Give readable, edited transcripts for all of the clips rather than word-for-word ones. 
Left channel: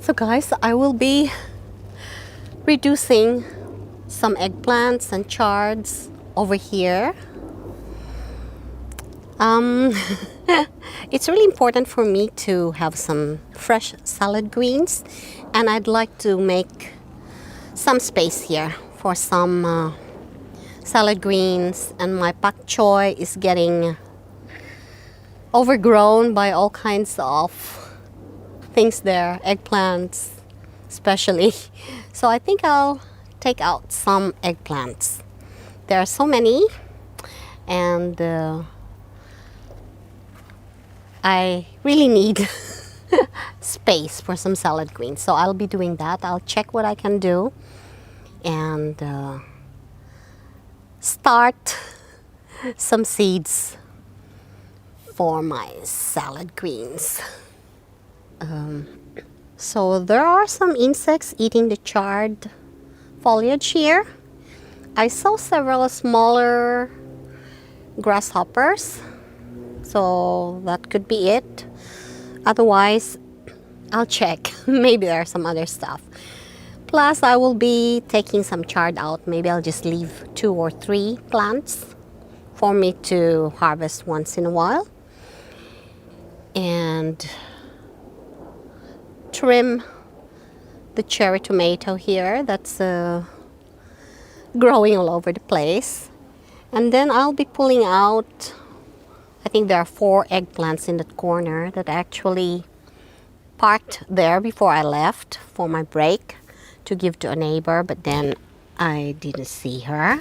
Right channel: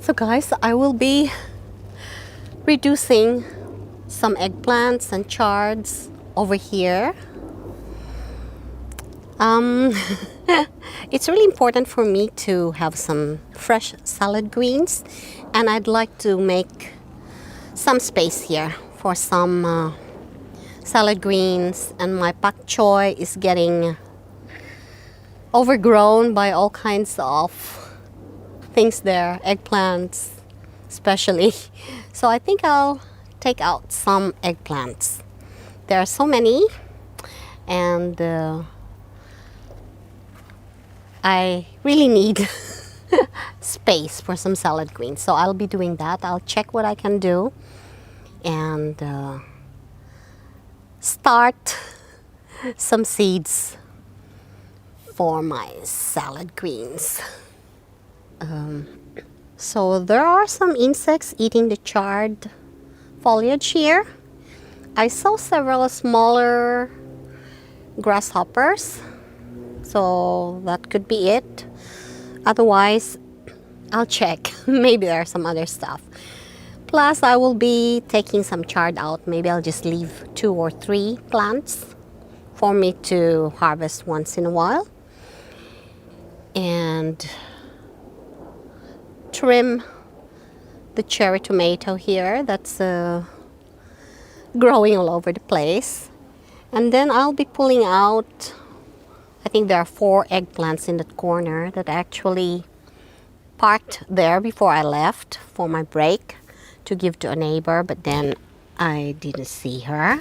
So guys, I will be reducing some eggplants and chards over here. It's really important for me to have some fresh salad greens, and I'd like to make some space here for some salad greens, and my pak choy is getting overgrown by all kinds of things there, eggplants especially. So I think I'll take out some eggplants. There are so many, and I really need space for some salad greens. So I'll be doing that. I'll check what I can do and start some seeds for my salad greens. So there are some insects eating the charred foliage here. I saw several smaller grasshoppers, so that could be it. Otherwise, I'll check. Maybe there's some other stuff. Plus, I will be taking some chard out. Maybe I'll just leave 2 or 3 plants for me to harvest once in a while. And trim the cherry tomato here that's growing all over the place. And then I'll be pulling out, I think there are 4 eggplants in that corner that I actually parked there before I left for my break to give to a neighbor, but then I didn't see her.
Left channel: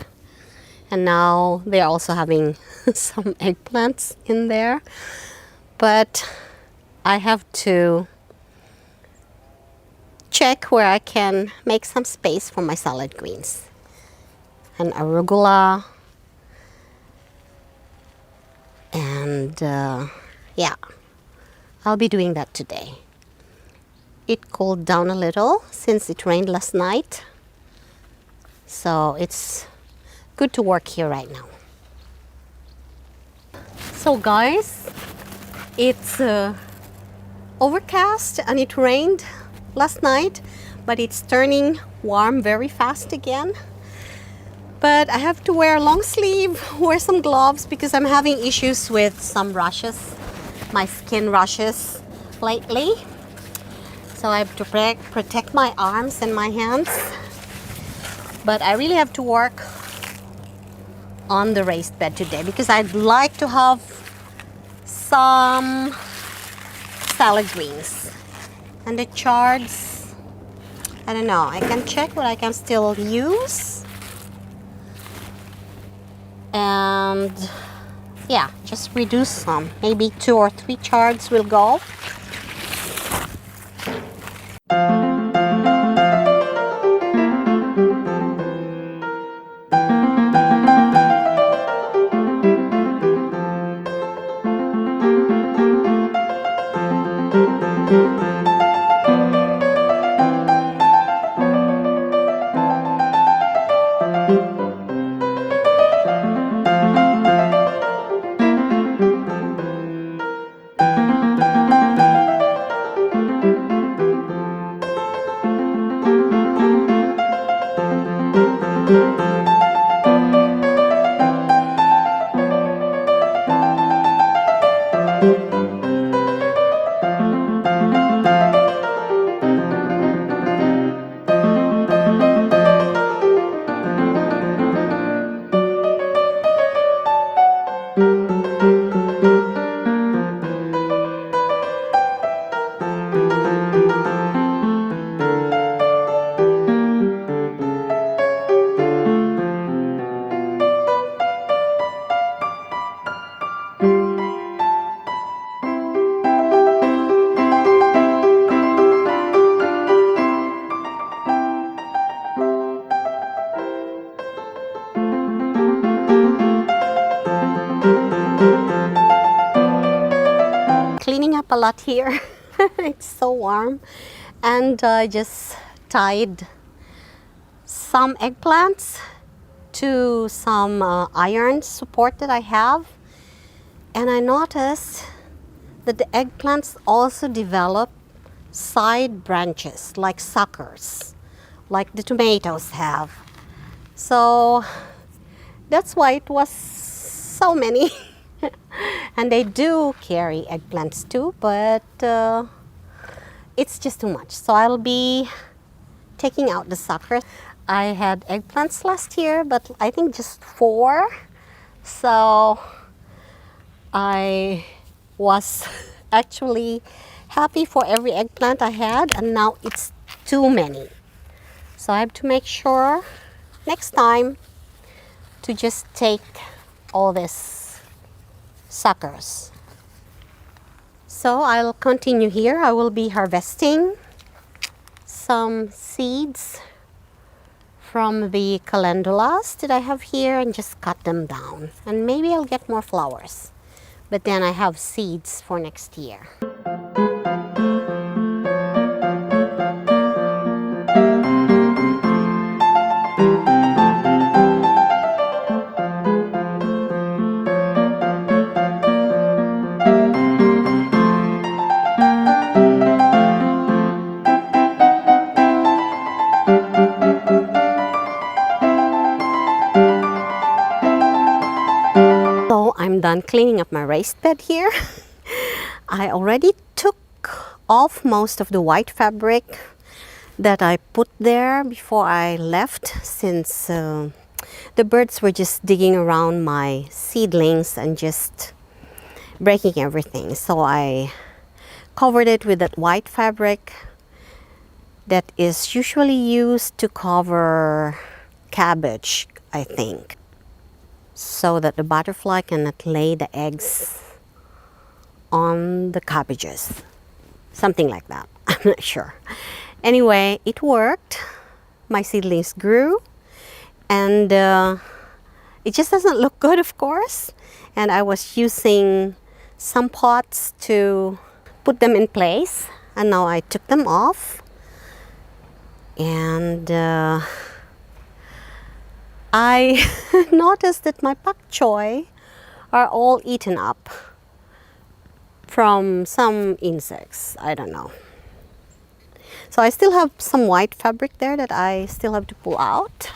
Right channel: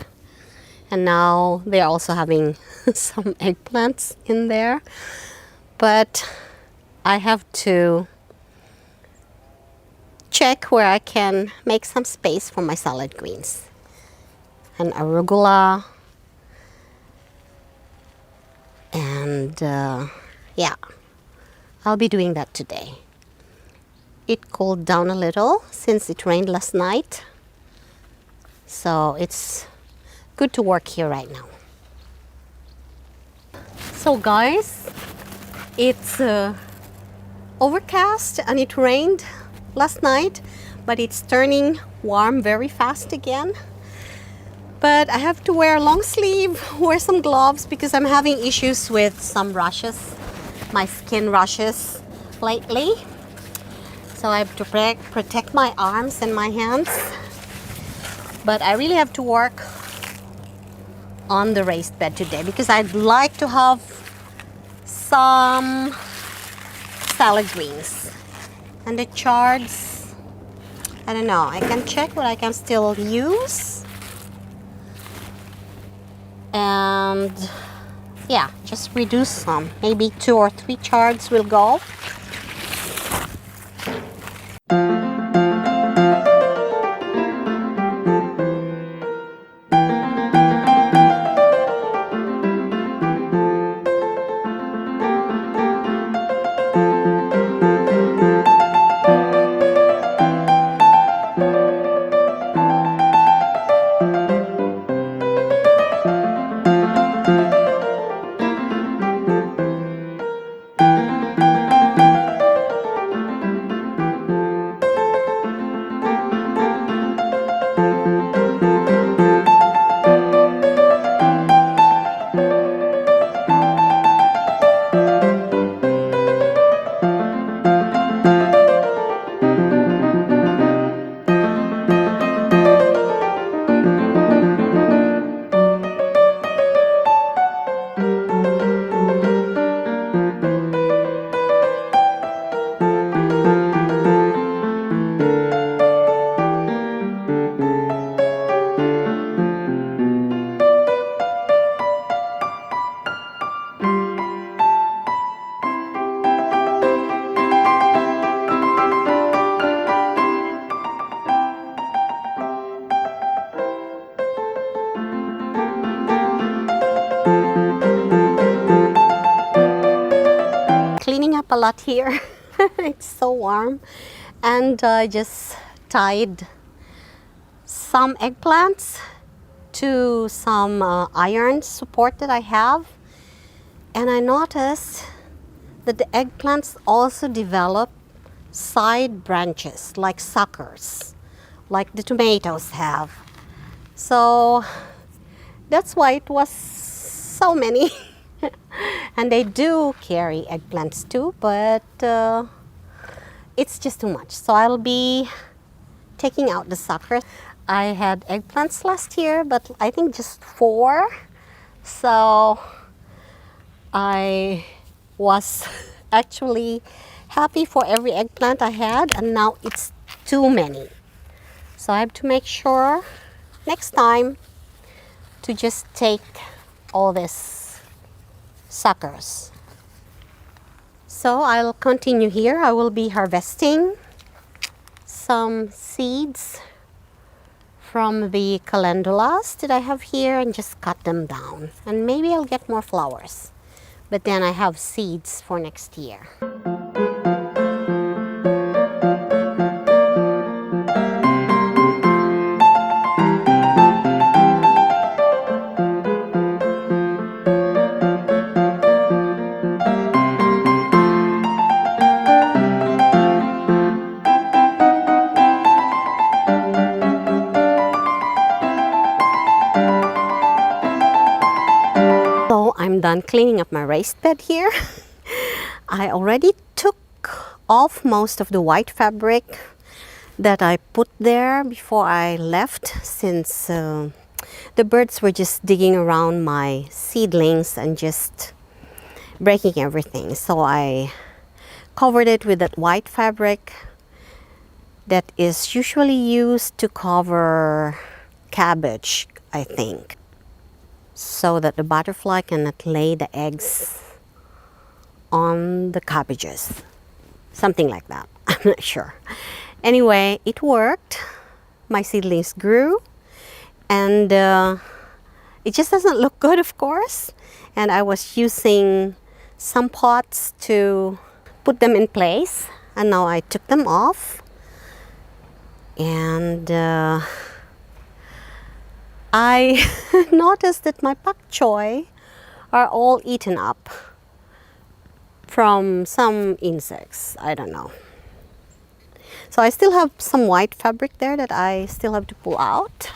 And now they're also having some eggplants in there. But I have to check where I can make some space for my salad greens. And arugula. And yeah, I'll be doing that today. It cooled down a little since it rained last night. So it's good to work here right now. So guys, it's overcast and it rained last night, but it's turning warm very fast again. But I have to wear a long sleeve, wear some gloves because I'm having issues with some rashes, my skin rashes lately. So I have to protect my arms and my hands. But I really have to work on the raised bed today because I'd like to have some salad greens. And the chards, I don't know, I can check what I can still use. And yeah, just reduce some. Maybe 2 or 3 chards will go. Cleaning up a lot here. It's so warm. And I just tied some eggplants to some iron support that I have. And I noticed that the eggplants also develop side branches like suckers, like the tomatoes have. So that's why it was so many. And they do carry eggplants too, but it's just too much. So I'll be taking out the suckers. I had eggplants last year, but I think just 4. So I was actually happy for every eggplant I had, and now it's too many. So I have to make sure next time to just take all these suckers. So I'll continue here. I will be harvesting some seeds from the calendulas that I have here and just cut them down. And maybe I'll get more flowers. But then I have seeds for next year. So I'm done cleaning up my raised bed here. I already took off most of the white fabric that I put there before I left, since the birds were just digging around my seedlings and just breaking everything. So I covered it with that white fabric that is usually used to cover cabbage, I think, so that the butterfly cannot lay the eggs on the cabbages. Something like that. I'm not sure. Anyway, it worked. My seedlings grew, and it just doesn't look good, of course. And I was using some pots to put them in place, and now I took them off. And I noticed that my pak choy are all eaten up from some insects. I don't know. So I still have some white fabric there that I still have to pull out.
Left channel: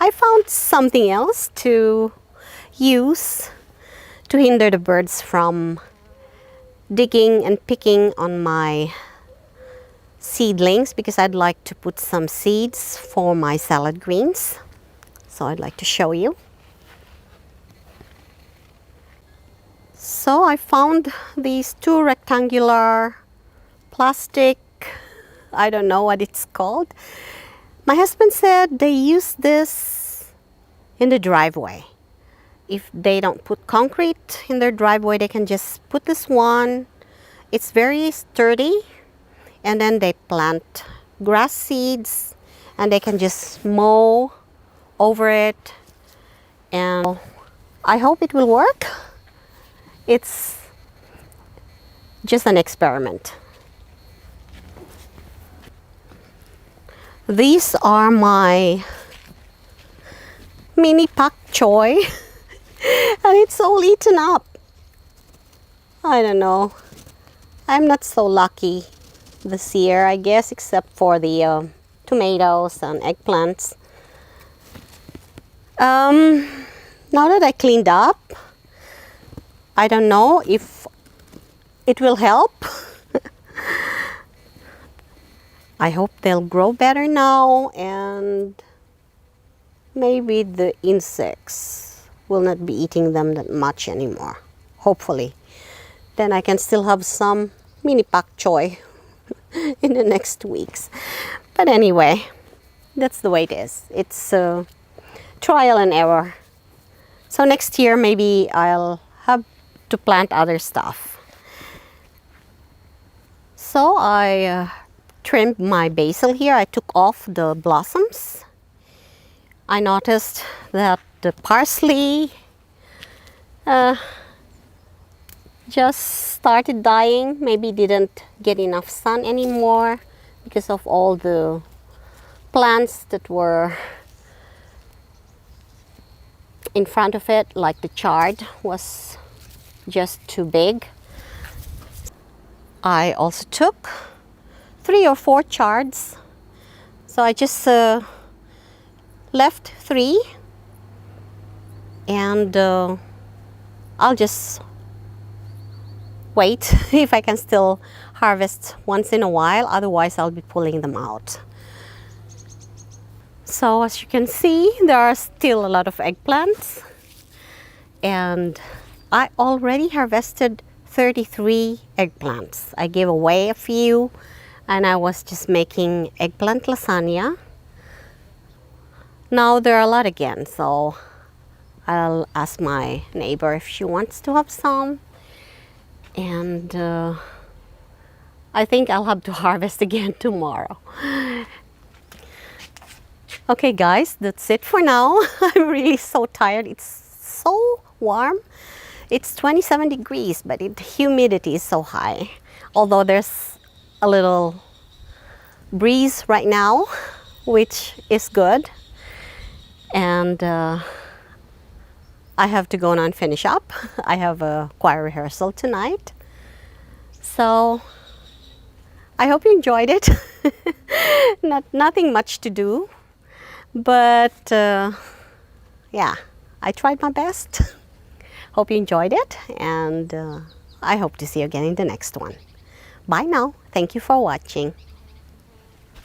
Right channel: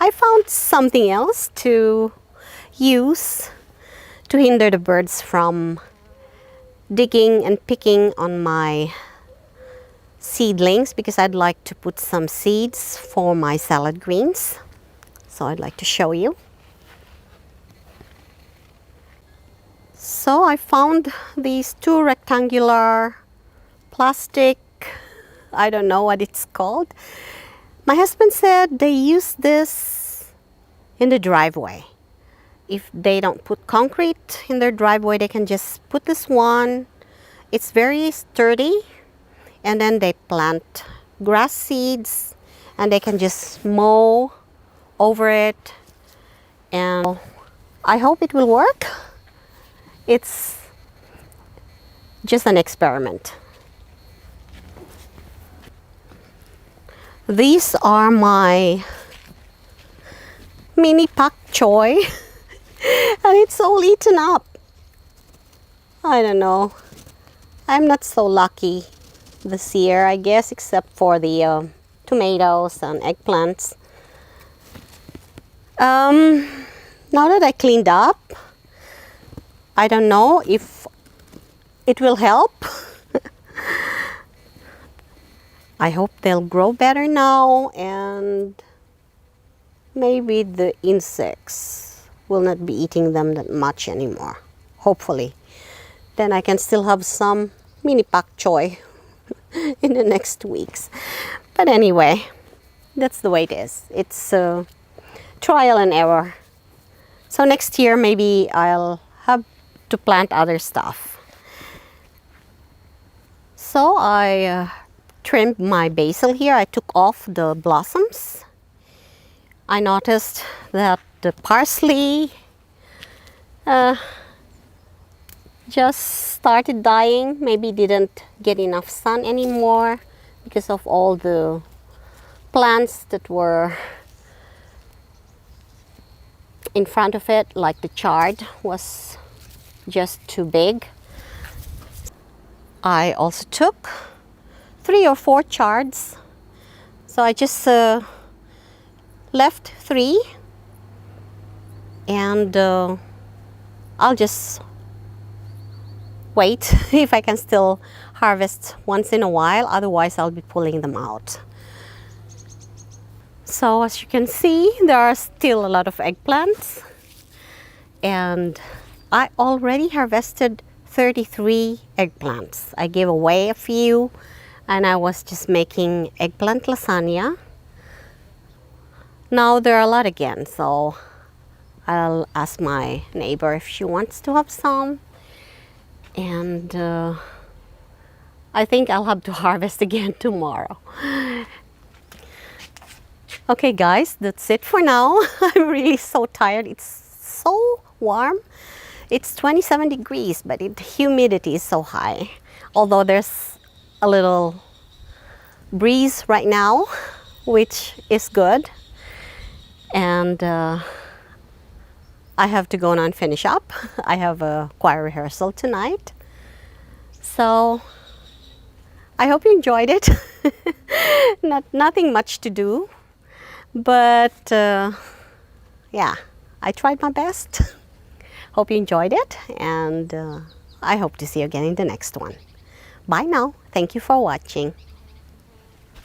I found something else to use to hinder the birds from digging and picking on my seedlings, because I'd like to put some seeds for my salad greens. So I'd like to show you. So I found these 2 rectangular plastic, I don't know what it's called. My husband said they use this in the driveway. If they don't put concrete in their driveway, they can just put this one. It's very sturdy, and then they plant grass seeds and they can just mow over it, and I hope it will work. It's just an experiment. These are my mini pak choy and it's all eaten up. I don't know. I'm not so lucky this year, I guess, except for the tomatoes and eggplants. Now that I cleaned up, I don't know if it will help. I hope they'll grow better now, and maybe the insects will not be eating them that much anymore. Hopefully. Then I can still have some mini pak choy in the next weeks. But anyway, that's the way it is. It's trial and error. So next year maybe I'll have to plant other stuff. So I trimmed my basil here. I took off the blossoms. I noticed that the parsley just started dying. Maybe didn't get enough sun anymore because of all the plants that were in front of it, like the chard was just too big. I also took 3 or 4 chards, so I just left 3, and I'll just wait if I can still harvest once in a while, otherwise I'll be pulling them out. So as you can see, there are still a lot of eggplants, and I already harvested 33 eggplants. I gave away a few, and I was just making eggplant lasagna. Now there are a lot again, so I'll ask my neighbor if she wants to have some, and I think I'll have to harvest again tomorrow. Okay guys, that's it for now. I'm really so tired. It's so warm. It's 27 degrees, but the humidity is so high. Although there's a little breeze right now, which is good. And I have to go now and finish up. I have a choir rehearsal tonight. So I hope you enjoyed it. Nothing much to do. But yeah, I tried my best. Hope you enjoyed it, and I hope to see you again in the next one. Bye now. Thank you for watching.